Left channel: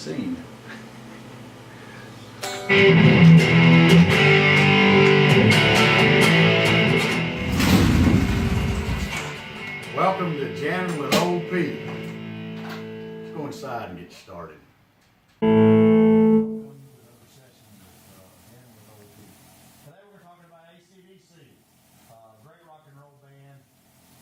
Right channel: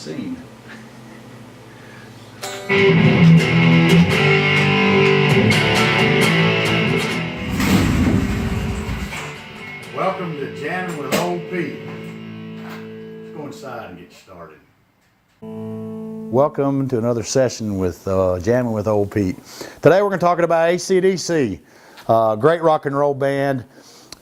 scene. Welcome to Jammin with Old Pete. Let's go inside and get started. Welcome to another session with Jammin with Old Pete. Today we're going to talk about ACDC, great rock and roll band.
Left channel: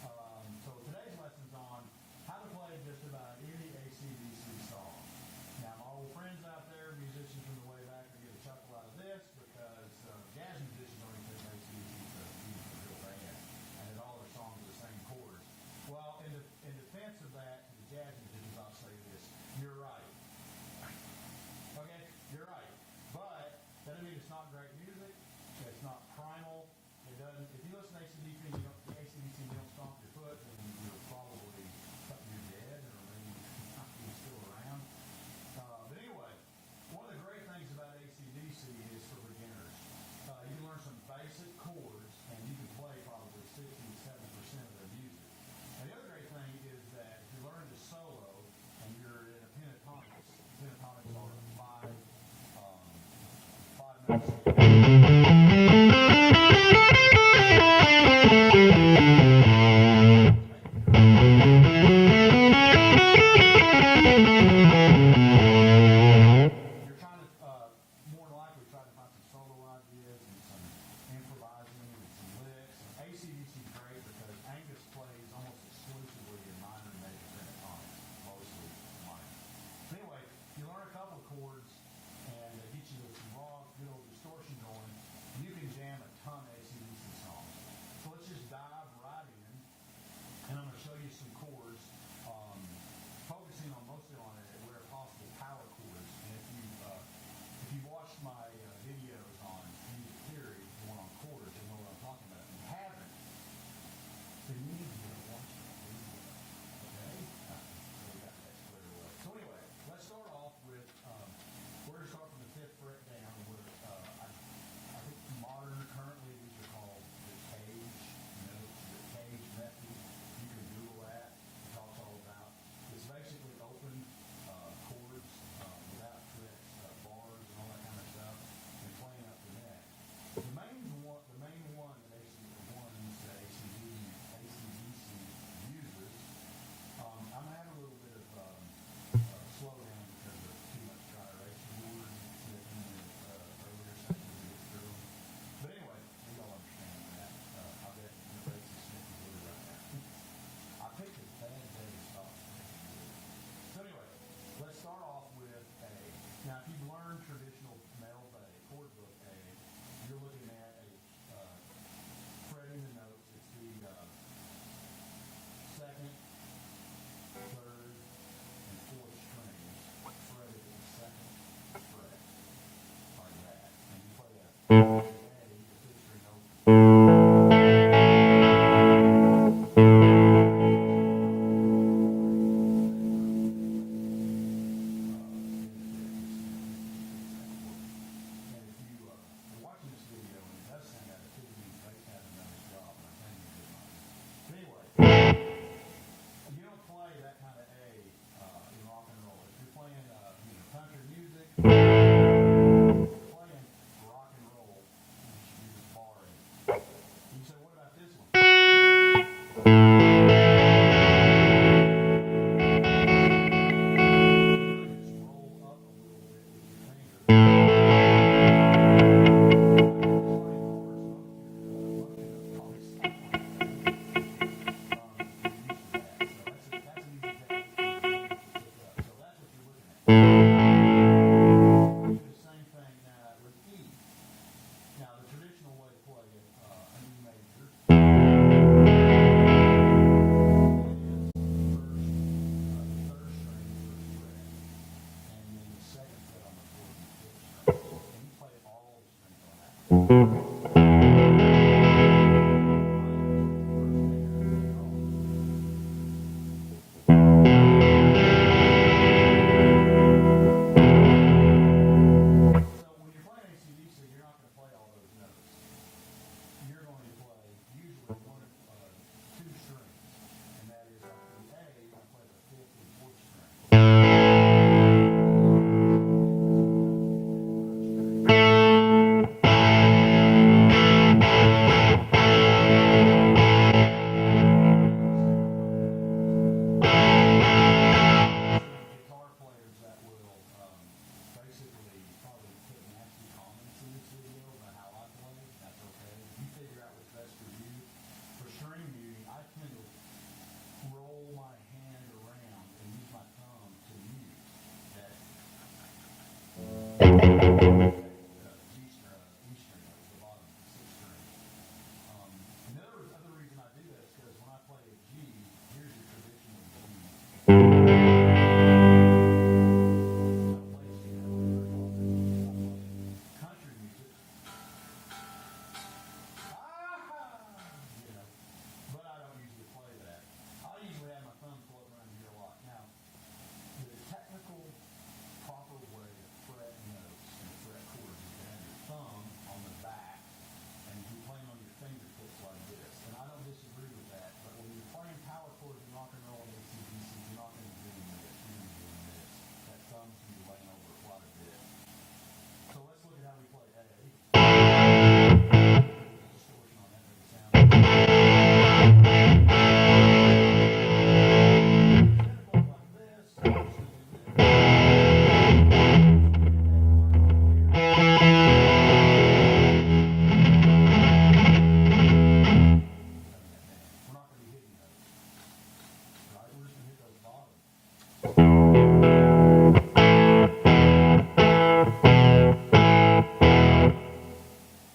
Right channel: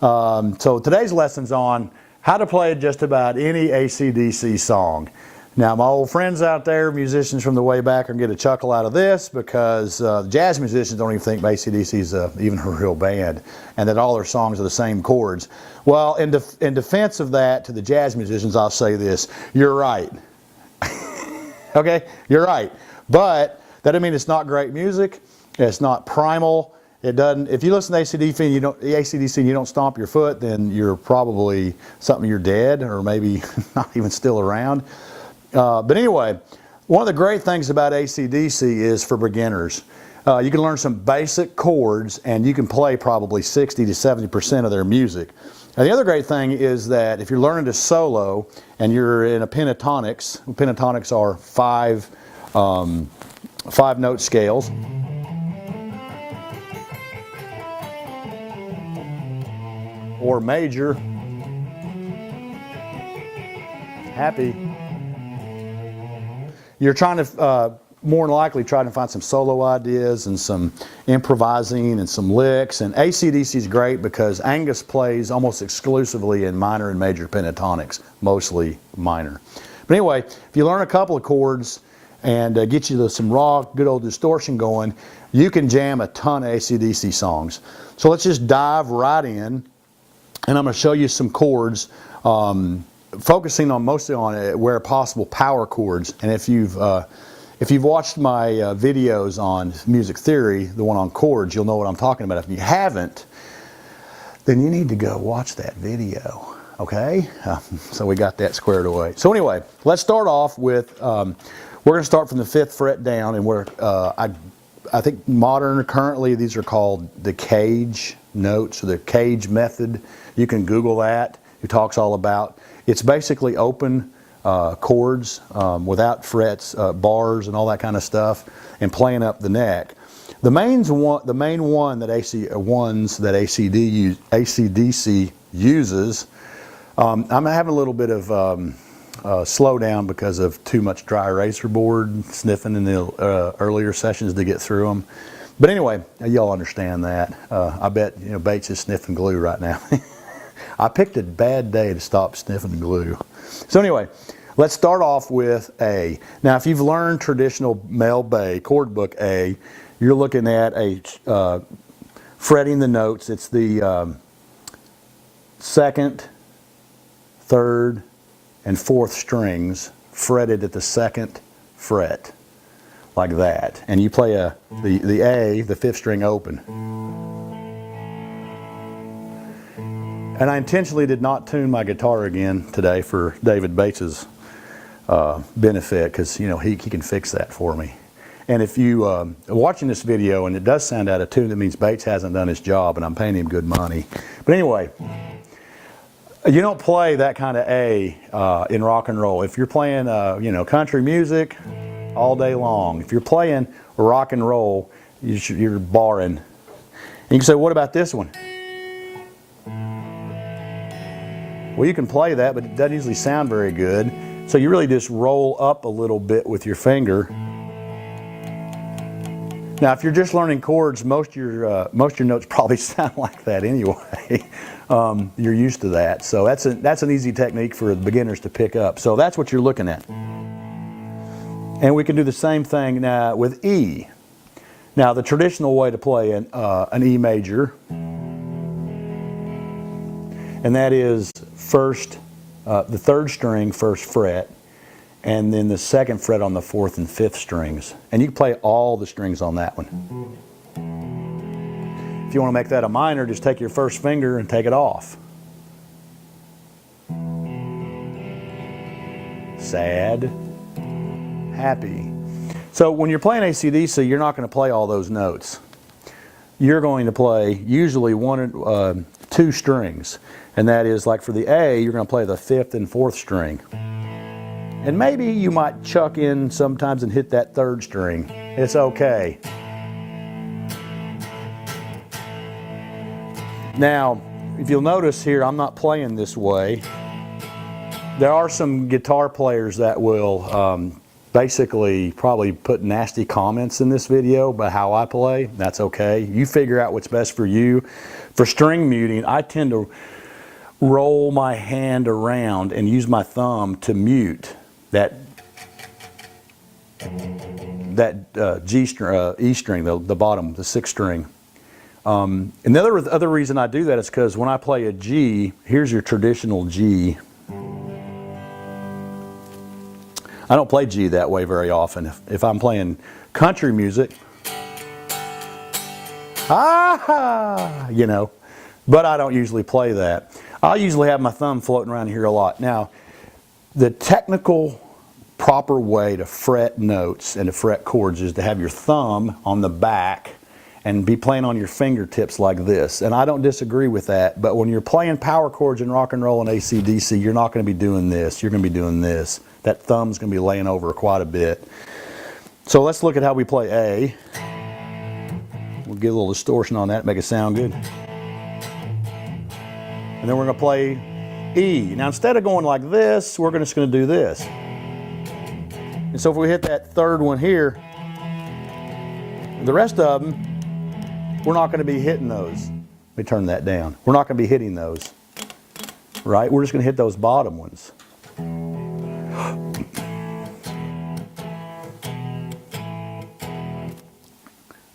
So today's lesson's on how to play just about any ACDC song. Now my old friends out there, musicians from the way back, are going to get a chuckle out of this because jazz musicians don't even think ACDC is even a real band and that all their songs are the same chords. Well, in defense of that, to the jazz musicians, I'll say this: you're right. Okay, you're right. But that doesn't mean it's not great music. It's not primal. It doesn't. If you listen to ACDC and you don't stomp your foot, then you're probably you're dead, or maybe not even still around. But anyway, one of the great things about ACDC is for beginners. You can learn some basic chords, and you can play probably 60 to 70% of their music. Now, the other great thing is that if you're learning to solo and you're in a pentatonics are five note scales. Or major. You're trying to, more than likely, trying to find some solo ideas and some improvising and some licks. And ACDC is great because Angus plays almost exclusively in minor and major pentatonics, mostly minor. But anyway, if you learn a couple of chords and get you some raw, good old distortion going, you can jam a ton of ACDC songs. So let's just dive right in. And I'm going to show you some chords, focusing on mostly on where possible power chords. And if you've watched my videos on music theory, the one on chords, you'll know what I'm talking about. If you haven't, then you need to go watch that video. Okay? So we got that squared away. So anyway, let's start off with we're going to start from the 5th fret down, and I think currently these are called the cage notes or the cage method. You can Google that. It talks all about. It's basically open chords without frets, bars, and all that kind of stuff, and playing up the neck. The main one that ACDC uses. I'm having a little bit of slowdown because of too much dry eraser board sniffing in the earlier sessions to get through them. But anyway, y'all understand that. I bet Bates is sniffing glue right now. I picked a bad day to stop sniffing glue. So anyway, let's start off with A. Now, if you've learned traditional Mel Bay chord book A, you're looking at a fretting the notes. It's the 2nd, 3rd, and 4th strings fretted at the 2nd fret, like that. And you play the A, the 5th string open. And I intentionally did not tune my guitar again today for David Bates's benefit, because he can fix that for me. And if you are watching this video and it does sound out of tune, that means Bates hasn't done his job and I'm paying him good money. But anyway, you don't play that kind of A in rock and roll. If you're playing country music all day long, if you're playing rock and roll, you're barring. And you can say, what about this one? Well, you can play that, but that doesn't sound very good. So you really just roll up a little bit with your finger. Now, if you're just learning chords, most of your notes probably sound like that anyway. You're used to that. So that's an easy technique for beginners to pick up. So that's what you're looking at. And we can do the same thing now with E. Now, the traditional way to play an E major, and that is first, the 3rd string, 1st fret, and then the 2nd fret on the 4th and 5th strings. And you can play all the strings on that one. If you want to make that a minor, just take your 1st finger and take it off. Sad, happy. So when you're playing ACDC, you're not going to play all those notes. You're going to play usually 1 or 2 strings. And that is, like for the A, you're going to play the 5th and 4th string. And maybe you might chuck in sometimes and hit that third string. It's okay. Now, if you'll notice here, I'm not playing this way. There are some guitar players that will basically probably put nasty comments in this video about how I play. That's okay. You figure out what's best for you. For string muting, I tend to roll my hand around and use my thumb to mute that G string, E string, the bottom, the 6th string. And the other reason I do that is because when I play a G, here's your traditional G. I don't play G that way very often. If I'm playing country music, you know, but I don't usually play that. I usually have my thumb floating around here a lot. Now, the technical proper way to fret notes and to fret chords is to have your thumb on the back and be playing on your fingertips like this. And I don't disagree with that, but when you're playing power chords in rock and roll and ACDC, you're not going to be doing this. You're going to be doing this. That thumb's going to be laying over quite a bit. So let's look at how we play A. We'll get a little distortion on that, make it sound good. And then we're going to play E. Now instead of going like this, we're just going to do this. And so if we hit that third one here, the rest of them, we're not going to be hitting those. Let me turn that down. We're not going to be hitting those, right? We're just going to hit those bottom ones.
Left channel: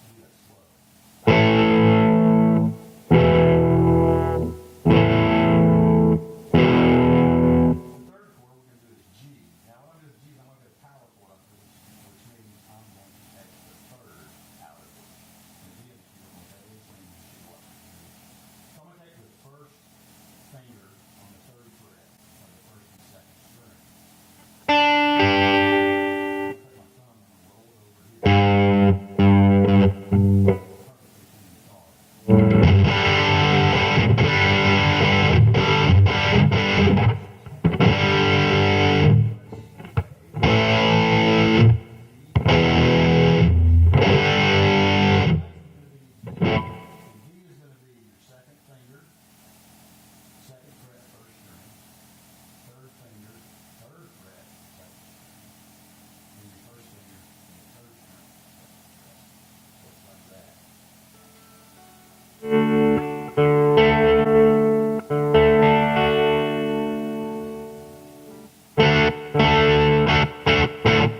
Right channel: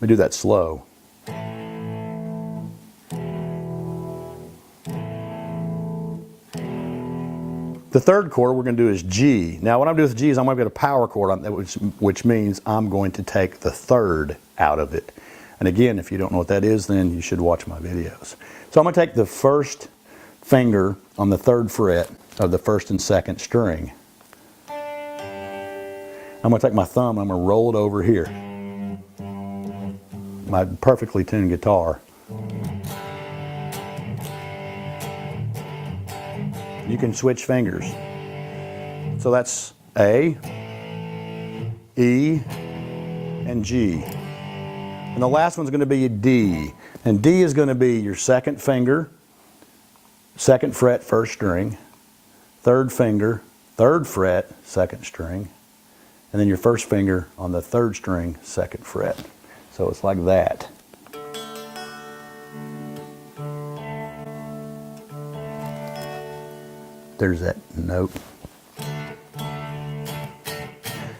Let me do that slow. The third chord we're going to do is G. Now what I'm doing with G is I'm going to get a power chord on that, which means I'm going to take the third out of it. And again, if you don't know what that is, then you should watch my videos. So I'm going to take the first finger on the 3rd fret of the 1st and 2nd string. I'm going to take my thumb, I'm going to roll it over here. My perfectly tuned guitar. You can switch fingers. So that's A, E, and G. And the last one's going to be a D. And D is going to be your 2nd finger, 2nd fret, 1st string, 3rd finger, 3rd fret, 2nd string, and then your 1st finger on the 3rd string, 2nd fret. So it's like that. There's that note.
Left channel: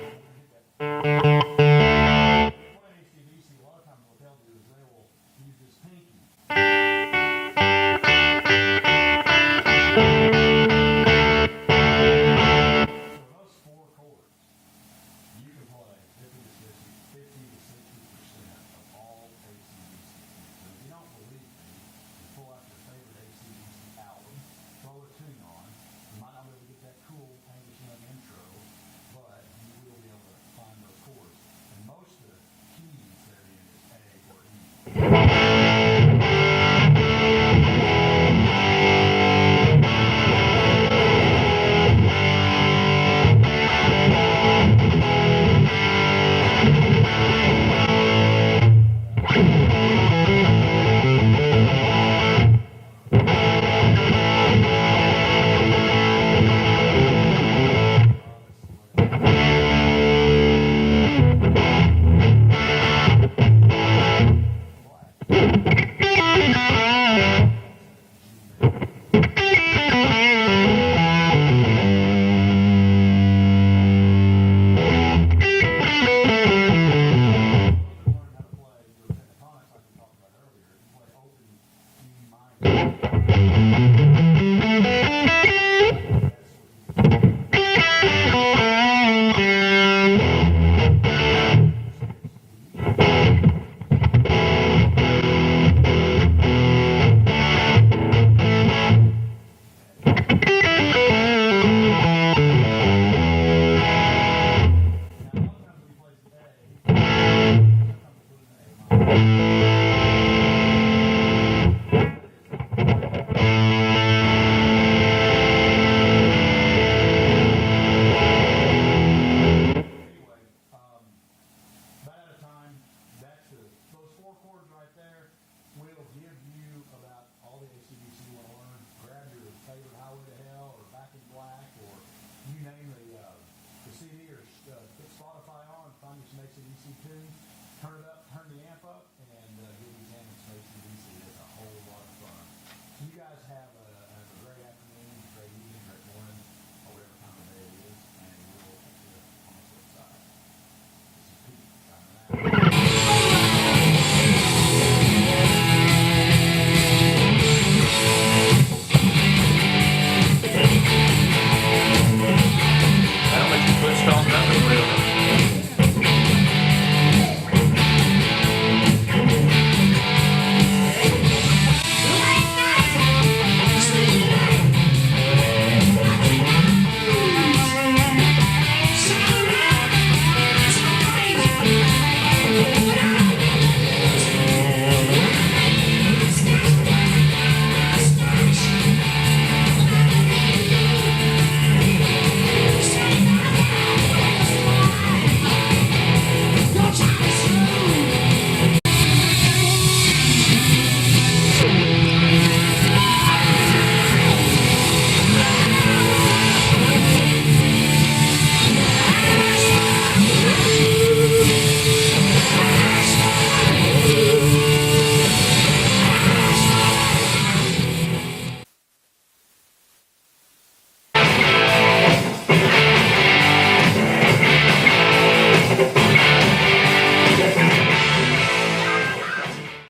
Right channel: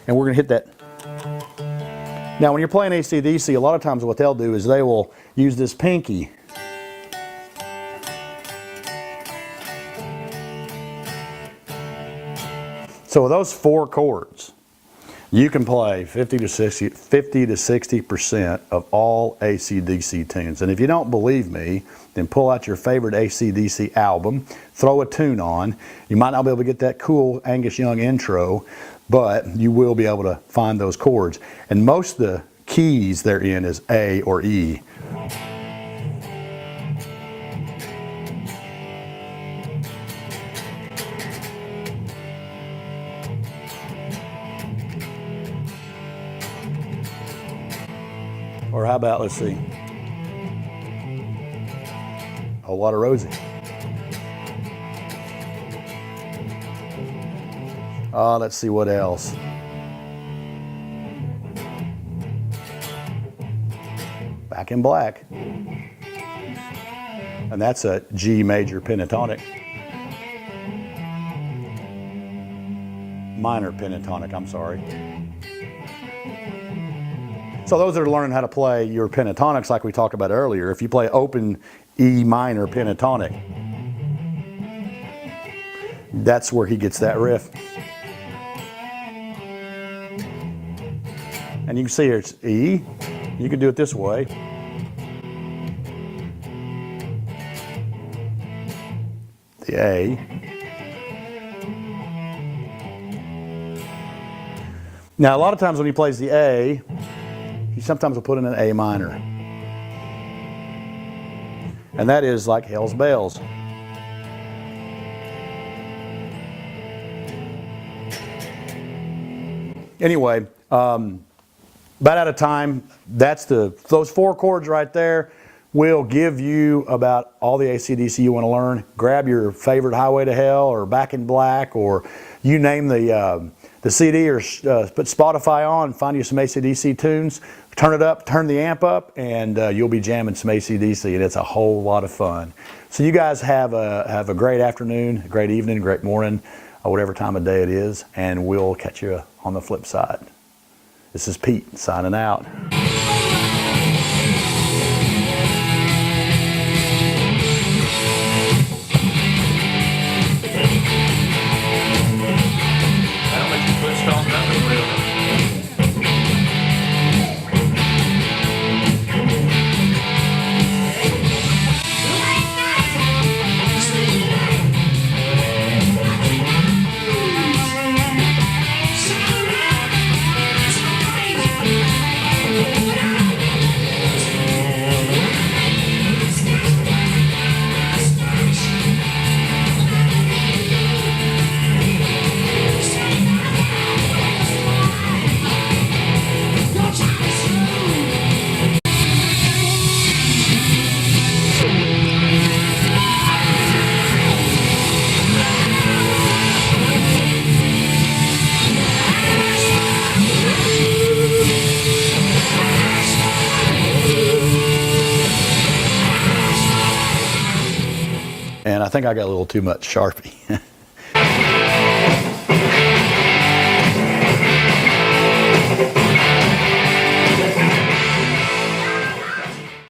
And we're going to hit that. Now when you're playing ACDC, a lot of times what they'll do is they will use this pinky. So with those 4 chords, you can play 50 to 60% of all ACDC tunes. And if you don't believe me, then pull out your favorite ACDC album, throw a tune on. You might not be able to get that cool Angus Young intro, but you will be able to find those chords. And most of the keys they're in is A or E. Or how about, let's see, Whole Lot of Roses. Let's see what else. Back in Black. And that's a G major pentatonic. Minor pentatonic, I'm sorry. So those that are learning how to play your pentatonics like we talked about earlier, if you play open E minor pentatonic, that's where he gets that riff. And you can see here it's E. You can do it this way. The A. Now a lot of times when he plays the A, he sometimes will put in an A minor. And that is like Hell's Bells. anyway, about out of time. That's those 4 chords right there will give you about all the AC/DC you want to learn. Grab your favorite Highway to Hell or Back in Black, or you name the CD, or put Spotify on and find you some AC/DC tunes. Turn it up, turn the amp up, and you'll be jamming some AC/DC, and it's a whole lot of fun. So you guys have a great afternoon, a great evening, a great morning, whatever time of day it is, and we'll catch you on the flip side. This is Pete signing out. And I think I got a little too much Sharpie.